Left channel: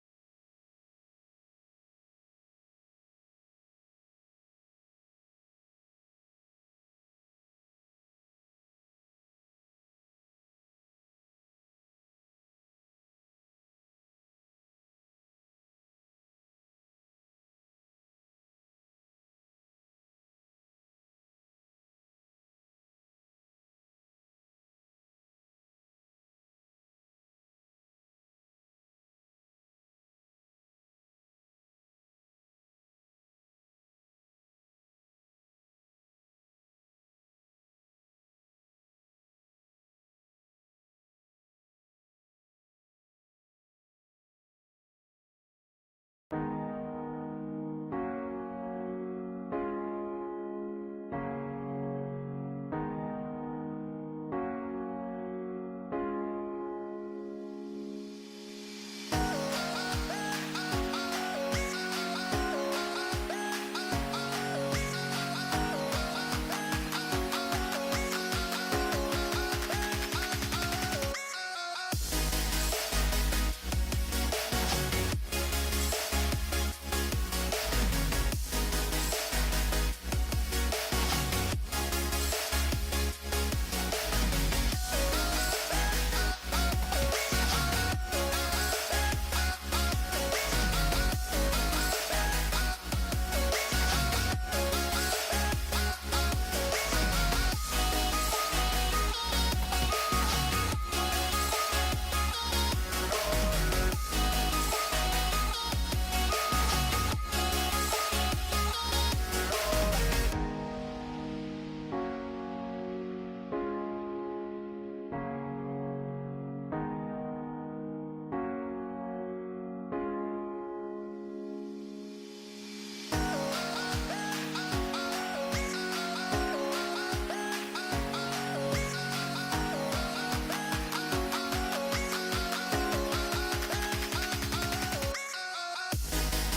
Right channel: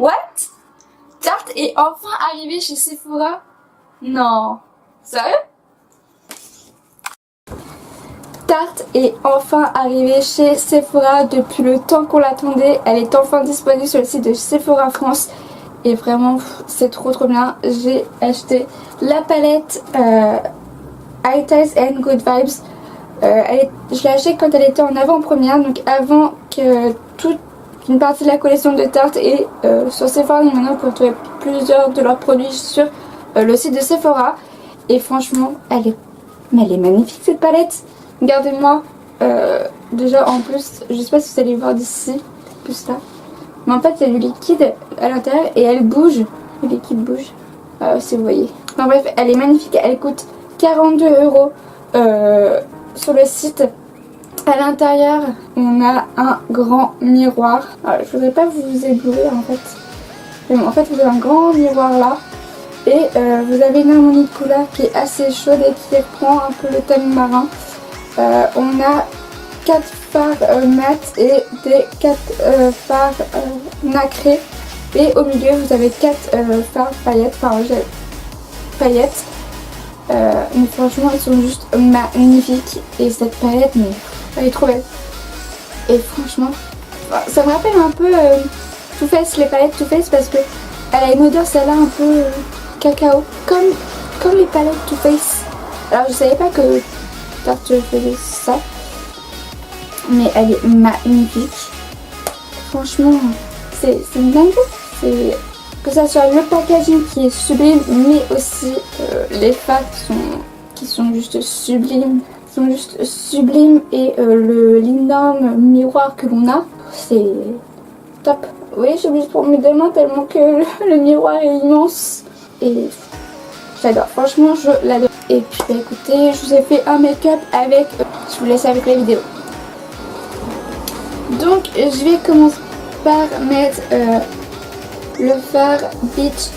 What? Tarte est enfin arrivée chez Sephora? Non. Sérieux? Tarte est enfin arrivée chez Sephora depuis le temps qu'on l'attendait. Elle est enfin disponible sur le site de Sephora France. Et vraiment, c'est trop bien. J'ai acheté la palette High Ties and Good Vibes. Je l'ai achetée quand elle était en avant-première, donc avant que toute une partie de la collection de Tarte et sur Sephora. Donc maintenant, vous pouvez trouver plusieurs de leurs produits sur le site de Sephora. Et franchement, elle est magnifique cette palette. Regardez-moi. Déjà en plus, je sais pas si vous allez voir d'ici, plus là. Mais en fait, il y a du liquide à l'intérieur et elle bouge. Le liquide bouge. Si vous voyez. Enfin bref, elle est magnifique. Elle coûte 42 € sur le site. À l'intérieur, on a un grand miroir. Alors, je voudrais pas vous éblouir en fait. Mais bon, en fait, vous avez un grand miroir là. Et vous avez une harmonie de couleur qui est assez chaude et qui reprend un peu le thème marin. On a 4 fards mat et des 4 fards nacrés. Et au milieu, vous avez 4 fards paillettes. Paillettes. Mais franchement, elles sont juste magnifiques. Et cette palette, mais elle est trop belle. Et franchement, ça me rappelle un peu Too Faced, les palettes Too Faced, parce que elle a une odeur, celle-là, un peu cacao. Comme les palettes Too Faced. Alors, je savais pas que Tarte faisait ça. Mais elle est magnifique. Franchement, c'est une dinguerie. Que ça soit le packaging qui est sublime, mais aussi les fards qui sont juste sublimes. Et l'énorme miroir que l'on a, c'est top. Oui, j'ai obligée de prendre mes deux mains tellement que le miroir est immense. Et j'adore, franchement, je l'adore. Et puis bah, écoutez, je vous ai fait un make-up avec... Je vous laisse avec la vidéo. Donc je vais commencer par mettre le fard Beach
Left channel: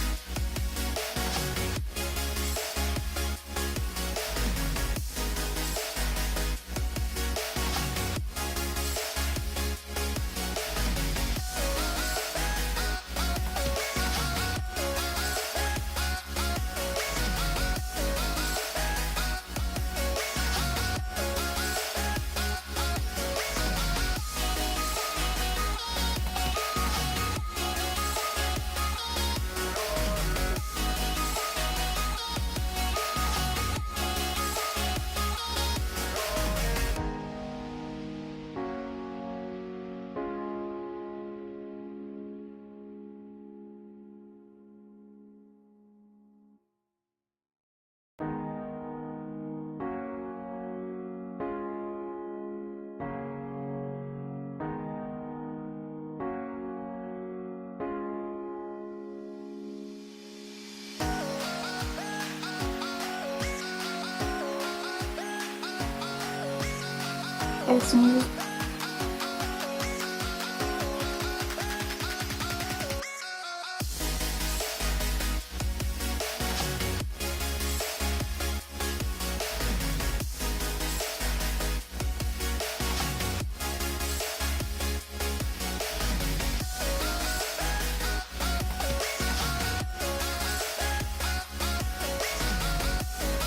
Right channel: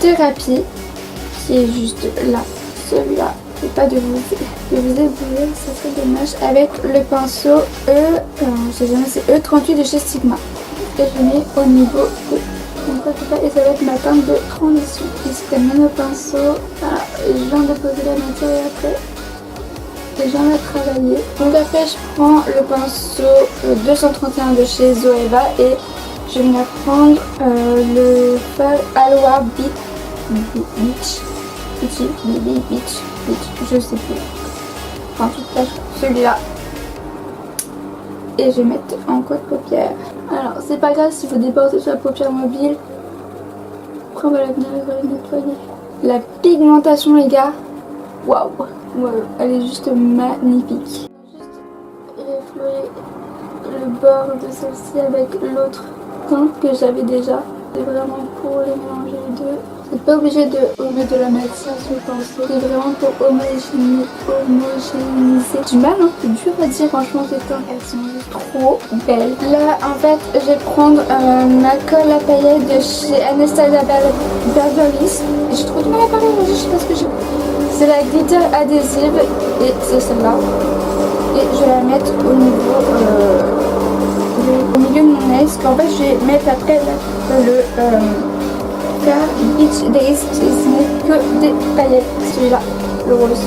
Therapy qui est juste là, celui-là. Je vais pas de vous éblouir, ça fait dommage. Avec le pinceau c'est E38 de chez Sigma. Et je mets au niveau de et ça va être ma teinte de transition. Ici c'est le même pinceau. Je viens de poser la matière après. Et j'en ai travaillé. Donc après je prends le pinceau 231 de chez Zoeva et je vais prendre le fard Aloha Beach. Je sais plus. Enfin tout cas celui-là. Et je vais mettre en coin de paupière. Alors c'est pas grave si vous débordez sur la paupière mobile. Après on va la venir nettoyer. La pigmentation les gars. Waouh. Ouais, elle est juste magnifique. Juste effleurer le bord de celle-ci avec l'autre teinte que j'avais déjà. C'est vraiment pour les mélanger les deux. Vous n'êtes pas obligé de la mettre sur ce pinceau. C'est vraiment pour homogénéiser. Du mal, hein, c'est dur à dire franchement ces teintes. Elles sont juste trop belles. Là en fait je vais prendre ma colle à paillettes de chez Anastasia Beverly Hills. J'ai trop du mal à parler aujourd'hui, je sais pas ce que j'ai. C'est la glitter adhésive et c'est celle-là. Et je vais la mettre au niveau de mon nez. Parce qu'en fait je vais mettre après le Beach Days. Ce n'est que des paillettes. Celui-là, le rose.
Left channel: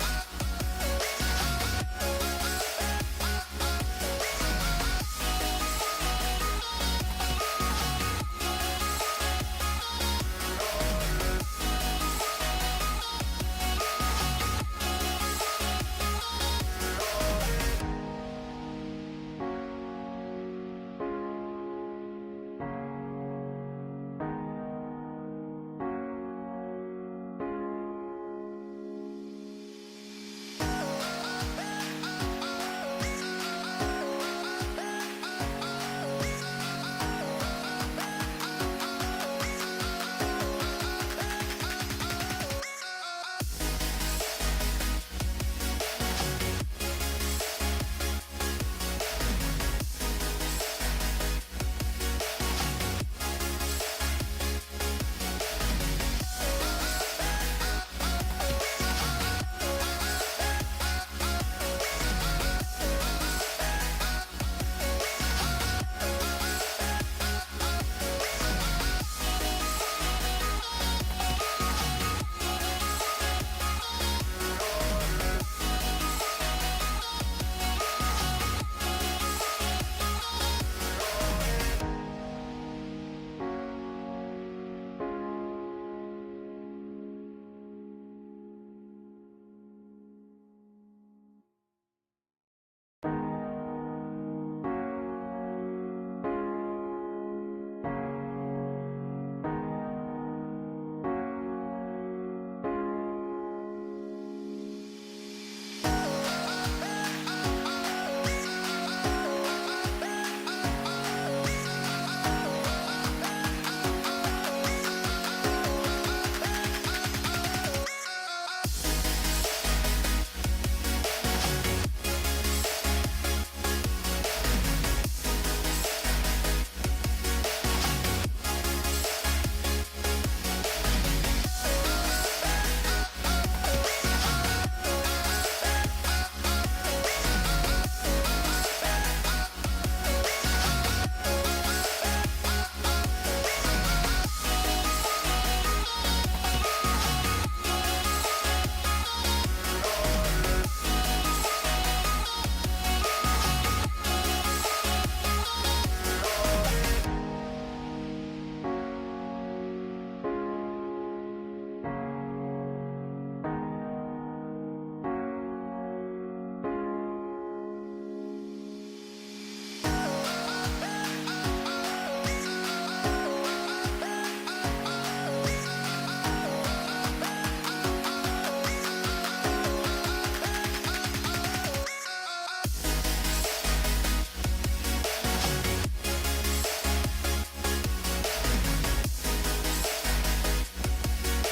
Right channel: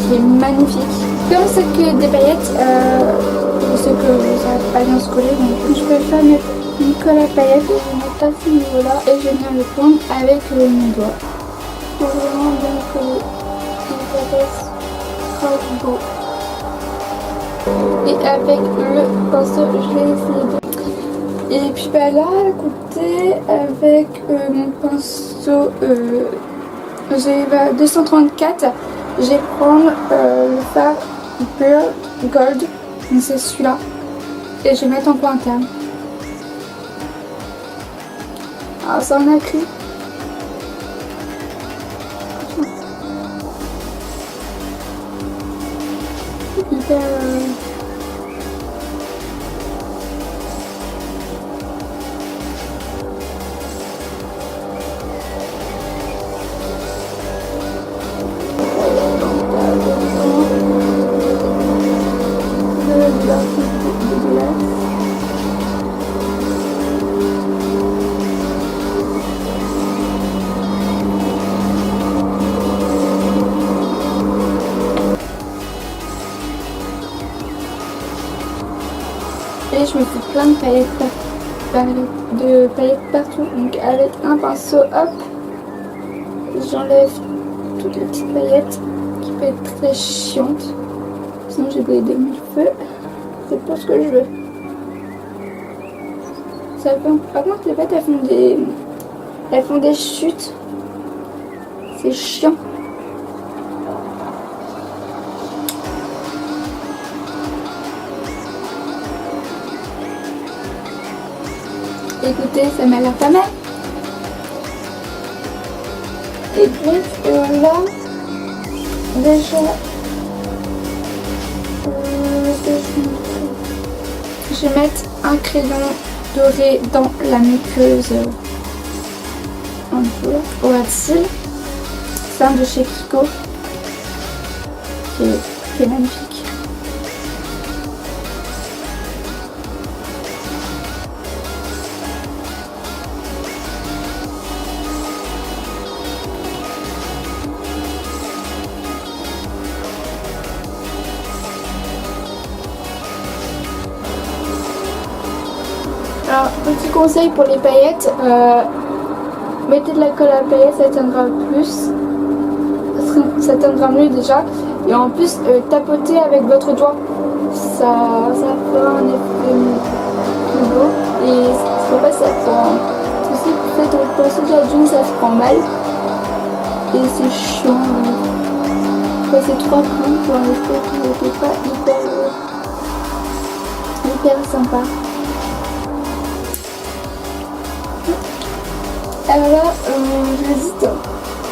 Qui est magnifique. Comme c'est que des paillettes, je sais que ça va pas bien se coller. Donc je peux pas mettre une colle à paillettes. Je vais mettre à ce niveau-là et je vais venir le prendre avec mon doigt. C'est vraiment bien collé. Trop beau. Et avec le pinceau, je vais essayer de... Et puis bah là, écoutez, avec mon pinceau j'ai 234, je vais prendre le fard Pearl Gold, donc c'est celui-là, et je vais mettre en point interne. Alors ça en a pris. Hyper et je me fais plein de paillettes partout. Donc avec un pinceau, hop, j'enlève toutes les petites paillettes qui peuvent être très chiantes. Sinon j'ai des mille-feux. C'est pas ce que je veux. Ça fait... Par contre les paillettes elles font des chutes. C'est chiant. Écoutez, ça m'a l'air pas mal. Et puis là, déjà, je vais mettre un crayon doré dans la muqueuse. Un peu pour la cils. C'est un de chez Kiko. C'est magnifique. Alors, petit conseil pour les paillettes, mettez de la colle à paillettes, ça tiendra plus, ça tiendra mieux déjà. Et en plus, tapotez avec votre doigt, ça fera un effet plus beau. Et c'est pas ça prend. Si vous faites le poisson de la dune, ça se prend mal. Et c'est chiant. Ça c'est 3 coups pour un effet qui n'était pas hyper sympa. Alors là, j'hésite.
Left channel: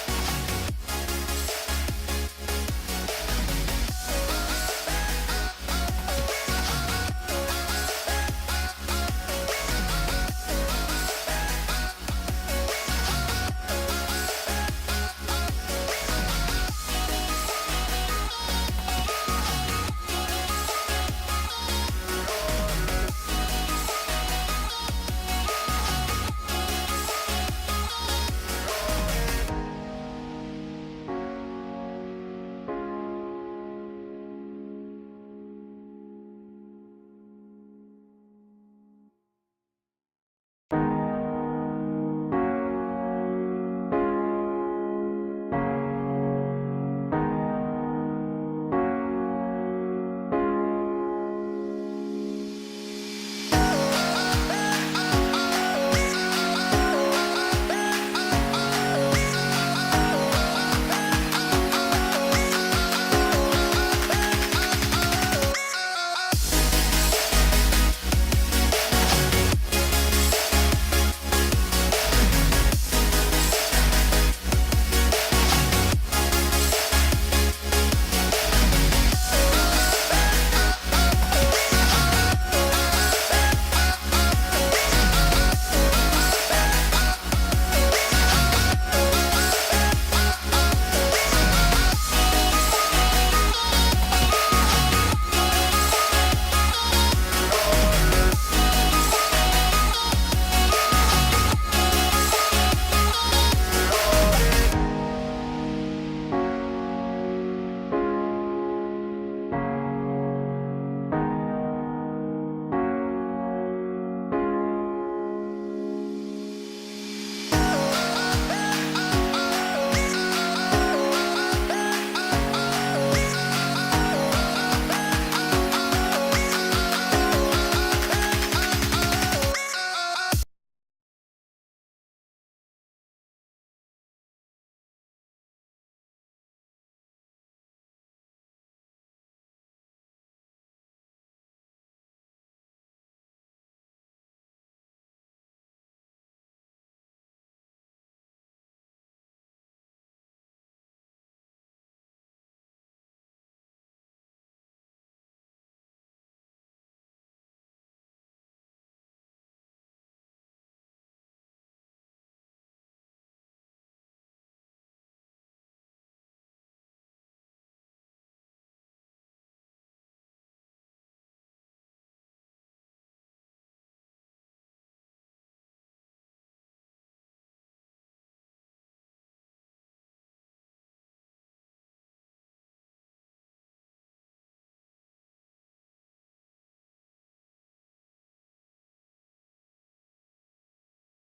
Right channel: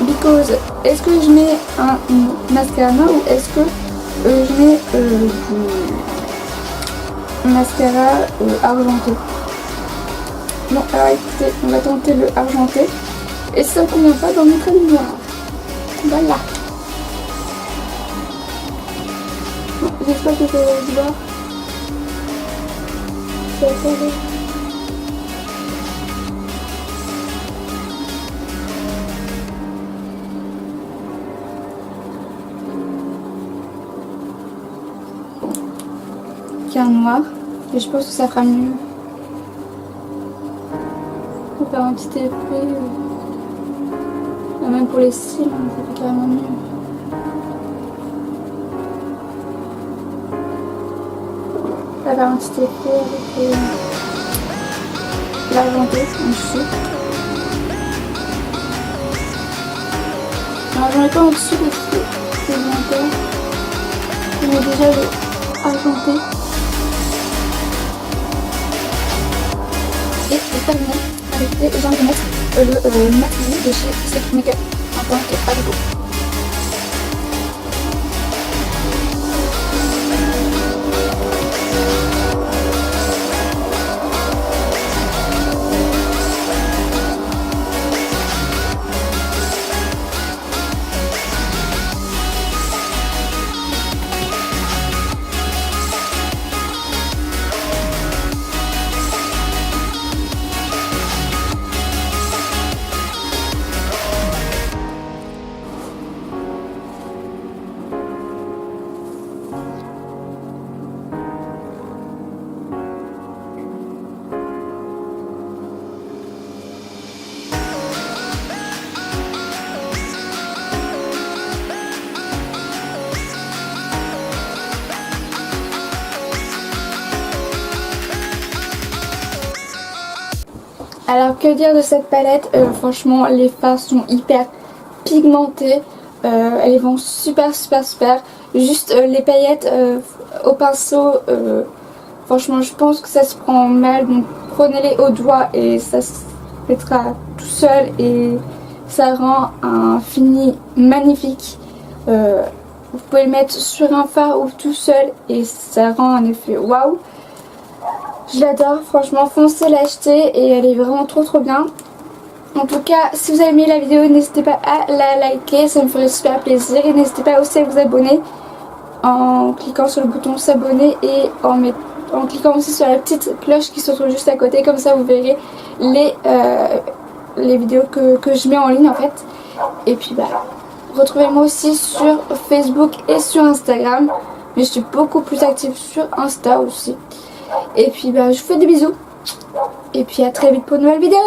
Because, est-ce que je mets un mascara noir ou est-ce que je mets du mascara argenté? Bon, alors écoutez, on va tenter le argenté. Et ça ne convient pas dans notre lumière. Voilà. J'espère que vous allez voir. C'est terrible. Un noir et je pense que ça fera mieux. On va faire un petit effet même pour les cils, ça fait carrément mieux. On va faire un petit effet avec l'argenté ici. Alors j'en ai pas en dessous on a déjà le argenté. Et j'en vais mettre le maquillage de chez cette make-up en tant que Argo. Alors que dire de cette palette, franchement les fards sont hyper pigmentées, elles vont super. Juste les paillettes au pinceau, franchement je pense que ça se prend mal, donc prenez-les au doigt et ça se mettra tout seul et ça rend un fini magnifique. Vous pouvez le mettre sur un fard ou tout seul et ça rend un effet waouh. Je l'adore, franchement foncez l'acheter et elle est vraiment trop bien. En tout cas, si vous avez aimé la vidéo, n'hésitez pas à la liker, ça me ferait super plaisir. Et n'hésitez pas aussi à vous abonner en cliquant sur le bouton s'abonner et en cliquant aussi sur la petite cloche qui se trouve juste à côté. Comme ça vous verrez les vidéos que je mets en ligne en fait. Et puis bah, retrouvez-moi aussi sur Facebook et sur Instagram. Mais je suis beaucoup plus active sur Insta aussi. Et puis bah, je vous fais des bisous. Et puis à très vite pour une nouvelle vidéo.